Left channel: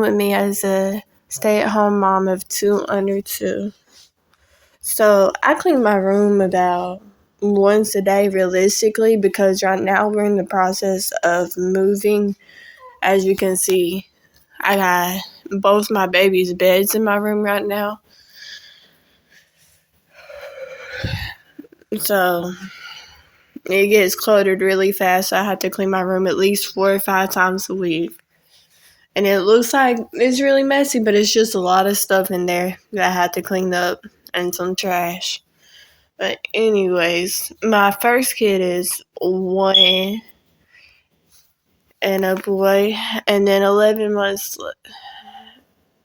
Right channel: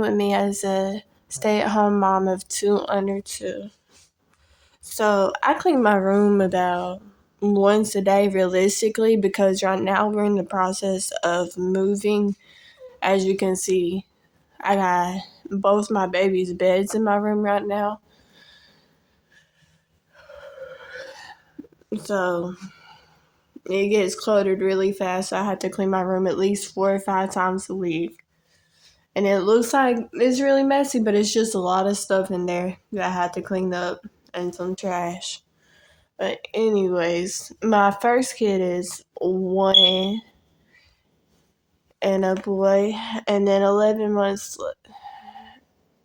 room with me as a stay-at-home mom of 2 under 2. So I clean my room about once a day realistically because right now we're in the process of moving. As you can see, I got both my babies' beds in my room right now. So it gets cluttered really fast. So I have to clean my room at least 4 or 5 times a week. And it looks like it's really messy, but it's just a lot of stuff in there that I had to clean up and some trash. But anyways, my first kid is 1 and a boy, and then 11 months,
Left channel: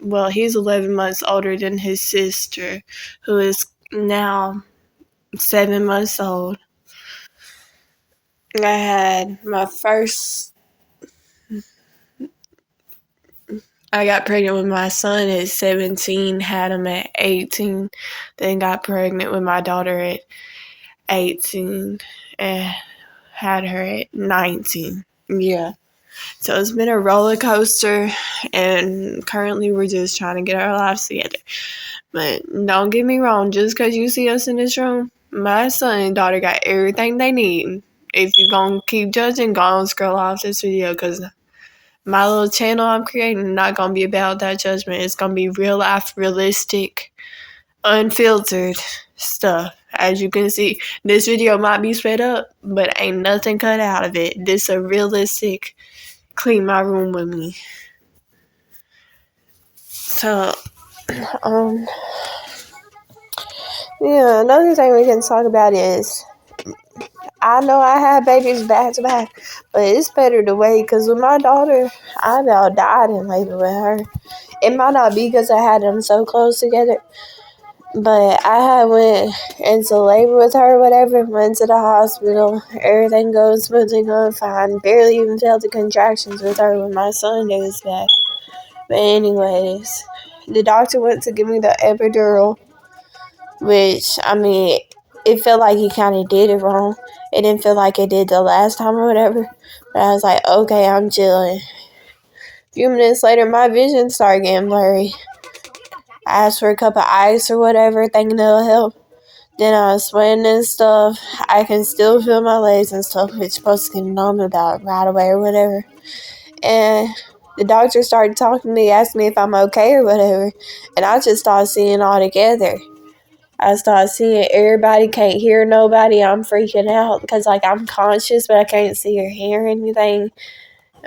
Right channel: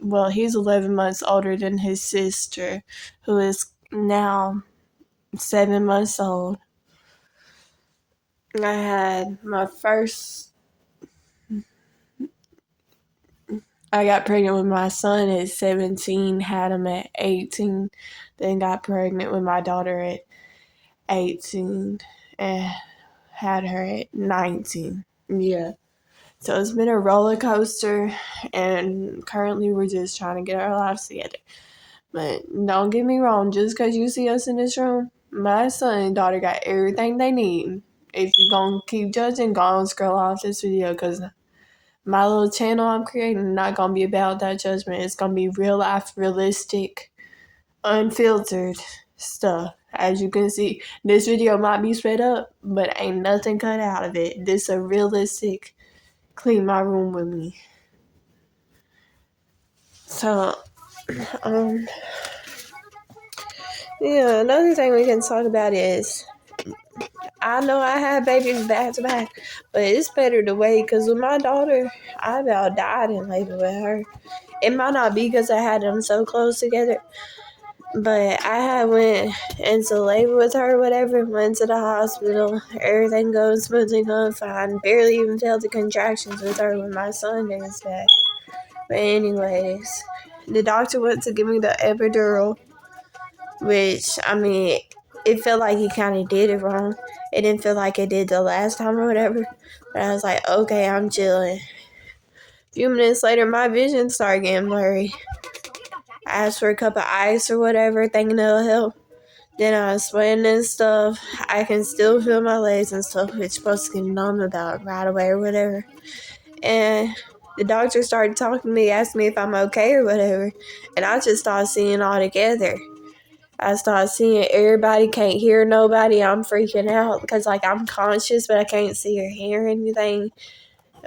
well, he's 11 months older than his sister, who is now 7 months old. I had my first, I got pregnant with my son at 17, had him at 18, then got pregnant with my daughter at 18, and had her at 19. Yeah. So it's been a roller coaster, and currently we're just trying to get our lives together. But don't get me wrong, just because you see us in this room, my son and daughter got everything they need. If you're going to keep judging, go on scroll off this video, because my little channel I'm creating not going to be about that judgment. It's going to be real life, realistic, unfiltered stuff. As you can see, this video might be sped up, but ain't nothing cut out of it. This a realistic clean my room with me. So, yeah, another thing we can talk about is, I know I had babies back to back, but it's better to wait, because with my daughter, I about died in labor with her. It might not be because I had them so close together, but I had went into labor with her or whatever, went to the hospital, everything goes smoothly, going fine, barely even felt the contractions with her when my son was back. But anyways, the doctor went to give me the epidural, which, I mean, it felt like he kind of did it wrong. It didn't feel like it did the last time or whatever, but I was like, okay, I'm chilling. A few minutes later, my vision started getting blurry. I asked for a cup of ice or whatever, thinking it'll help. Then I was sweating and stuff. I can still feel my legs and stuff, which is supposed to get numb about right away or whatever. And the doctor started talking to me, asking me if I'm okay or whatever. And I just started seeing all together. I started seeing everybody, can't hear nobody. I'm freaking out because, like, I'm conscious, but I can't see or hear anything.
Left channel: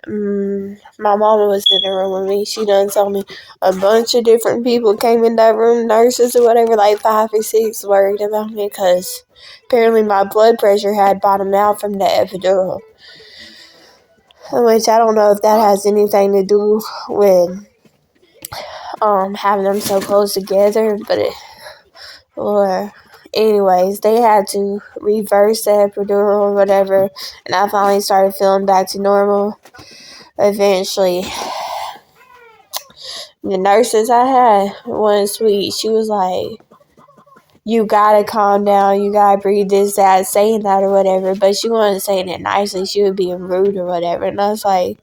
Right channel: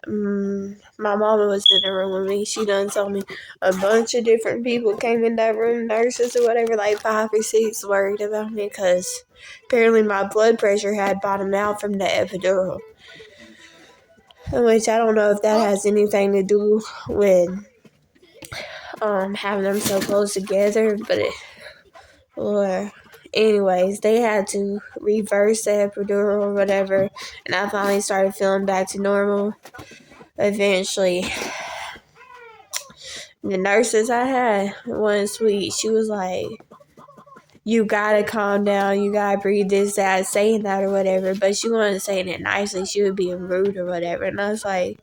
My mama was in the room with me. She done told me a bunch of different people came in that room, nurses or whatever, like 5 or 6, worried about me because apparently my blood pressure had bottomed out from the epidural. Which I don't know if that has anything to do with having them so close together, but anyways, they had to reverse the epidural or whatever, and I finally started feeling back to normal. Eventually, the nurses I had, one sweet, she was like, you gotta calm down, you gotta breathe, this, that, saying that or whatever, but she wasn't saying it nicely, she was being rude or whatever, and I was like,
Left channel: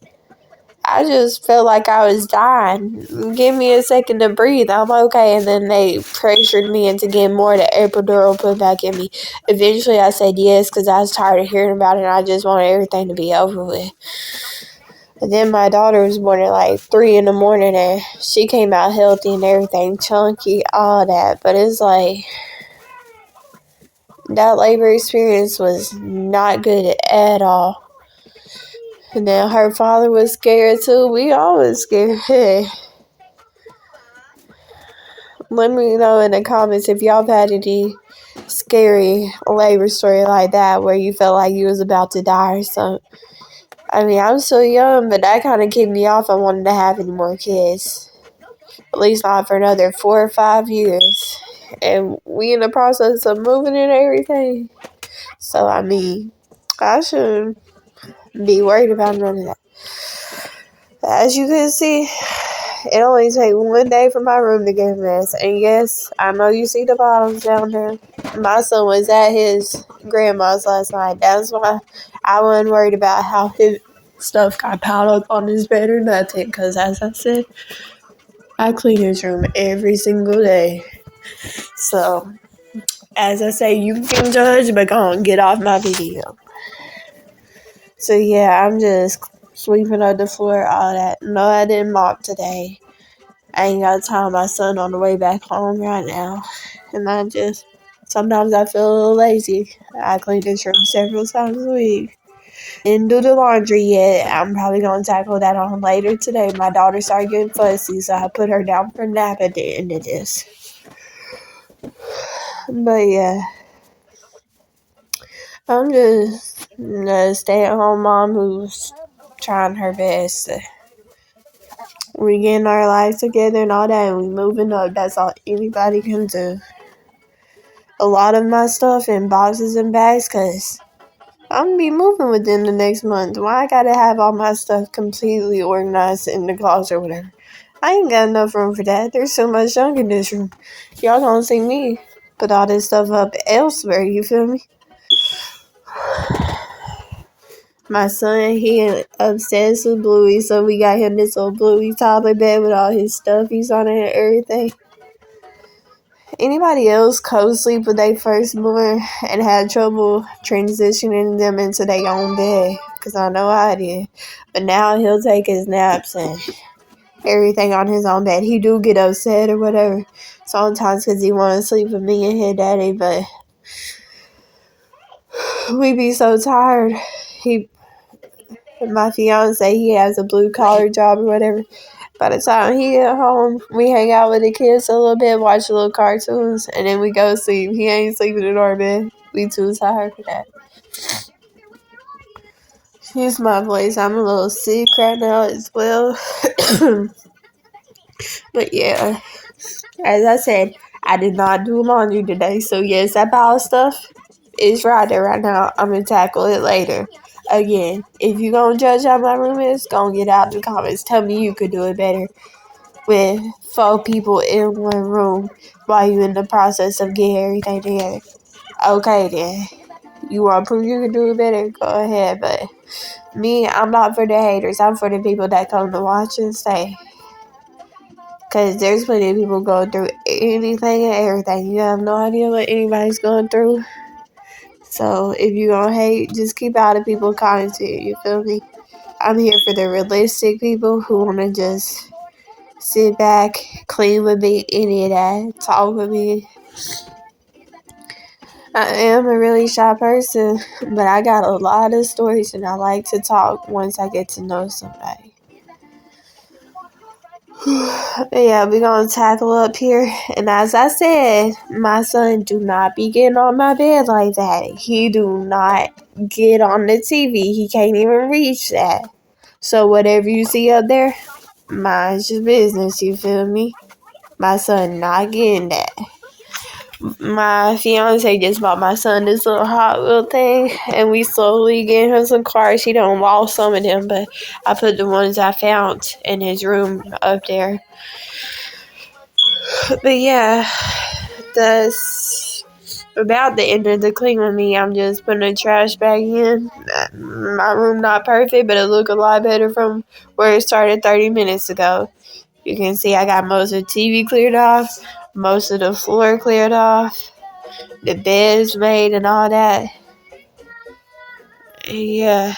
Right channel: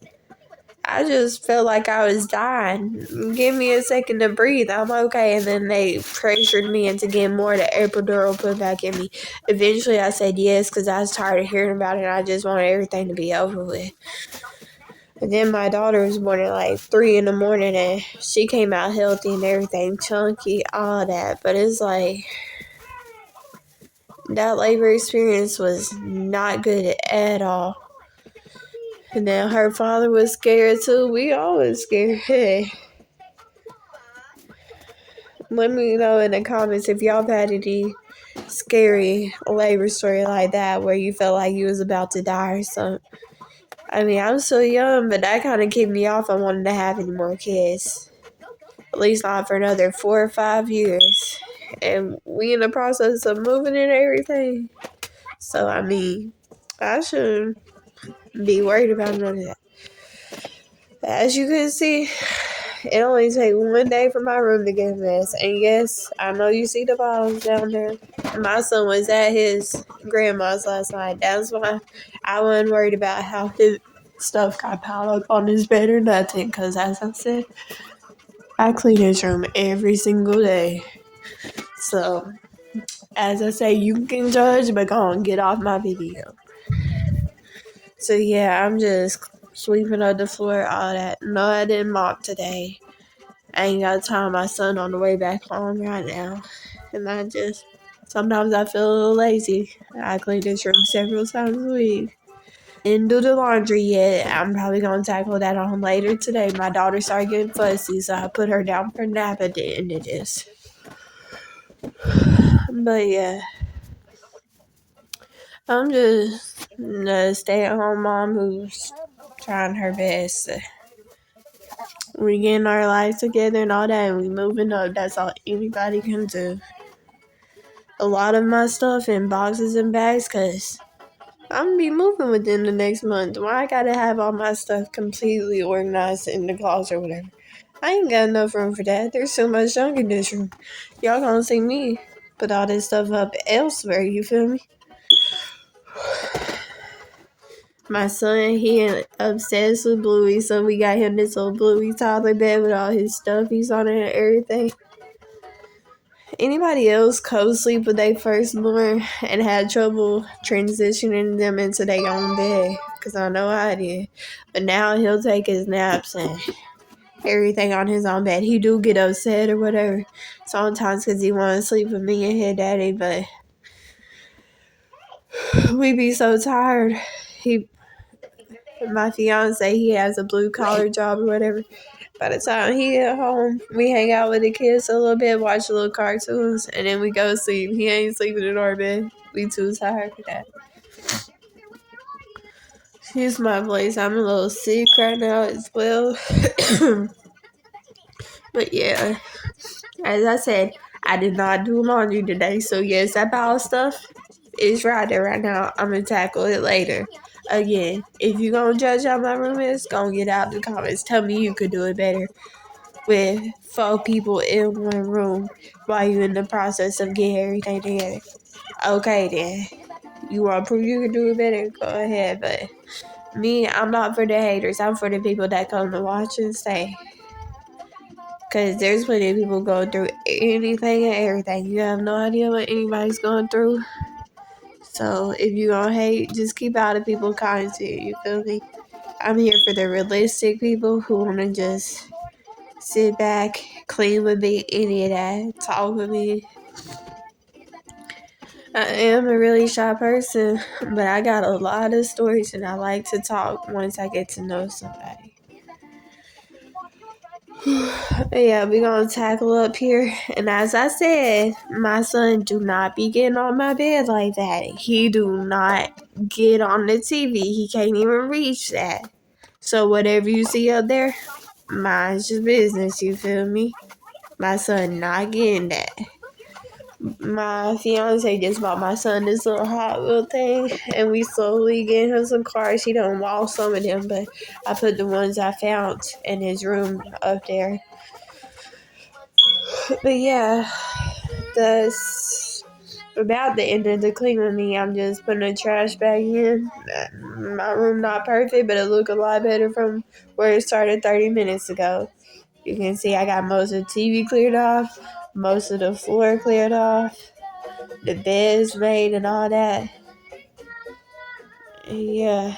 I just felt like I was dying. Give me a second to breathe. I'm okay. And then they pressured me into getting more of the epidural put back in me. Eventually, I said yes because I was tired of hearing about it and I just wanted everything to be over with. And then my daughter was born at like 3 in the morning and she came out healthy and everything, chunky, all that. But it's like, that labor experience was not good at all. And then her father was scared too. We all was scared. Let me know in the comments if y'all have had any scary labor story like that where you felt like you was about to die or something. I mean, I'm so young, but that kind of kicked me off on wanting to have any more kids. At least not for another 4 or 5 years. And we in the process of moving and everything. So, I mean, I shouldn't be worried about none of that. As you can see, it only takes 1 day for my room to get a mess. And yes, I know you see the bottoms down there. My son was at his grandma's last night. That's why I wasn't worried about how stuff got piled up on his bed or nothing. Because as I said, I clean his room every single day. So, as I say, you can judge, but go on, get off my video. So yeah, I'm just sweeping up the floor, all that. No, I didn't mop today. I ain't got time. My son on the way back home right now. And sometimes I feel a little lazy. I clean this room several times a week. Didn't do the laundry yet. I'm probably going to tackle that on later today. My daughter started getting fussy, so I put her down for a nap at the end of this. But yeah, I'm just a stay-at-home mom who's trying her best. We getting our lives together and all that, and we moving up. That's all anybody can do. A lot of my stuff in boxes and bags, because I'm going to be moving within the next month. Why I got to have all my stuff completely organized in the closet or whatever? I ain't got enough room for that. There's so much junk in this room. Y'all gonna see me put all this stuff up elsewhere, you feel me? My son, he obsessed with Bluey, so we got him this little Bluey toddler bed with all his stuffies on it and everything. Anybody else co-sleep with their firstborn and had trouble transitioning them into their own bed? Because I know I did. But now he'll take his naps and everything on his own bed. He do get upset or whatever sometimes because he want to sleep with me and his daddy, but we be so tired. My fiance, he has a blue collar job or whatever. By the time he get home, we hang out with the kids a little bit, watch little cartoons, and then we go to sleep. He ain't sleeping in our bed. We too tired for that. Excuse my voice. I'm a little sick right now as well. But yeah, as I said, I did not do laundry today. So yes, that pile of stuff is right there right now. I'm going to tackle it later. Again, if you going to judge how my room is, go and get out in the comments. Tell me you could do it better with 4 people in one room while you in the process of getting everything together. Okay then. You want to prove you can do it better? Go ahead. But me, I'm not for the haters. I'm for the people that come to watch and stay. Because there's plenty of people going through anything and everything. You have no idea what anybody's going through. So if you gonna hate, just keep out of people's comments here. You feel me? I'm here for the realistic people who want to just sit back, clean with me, any of that, talk with me. I am a really shy person, but I got a lot of stories and I like to talk once I get to know somebody. Yeah, we're going to tackle up here. And as I said, my son do not be getting on my bed like that. He do not get on the TV. He can't even reach that. So whatever you see up there, mind's your business, you feel me? My son not getting that. My fiance just bought my son this little Hot Wheel thing, and we slowly get him some cars. He don't lost some of them, but I put the ones I found in his room up there. But yeah, that's about the end of the clean with me. I'm just putting a trash bag in. My room not perfect, but it look a lot better from where it started 30 minutes ago. You can see I got most of the TV cleared off, most of the floor cleared off, the bed's made and all that. Yeah.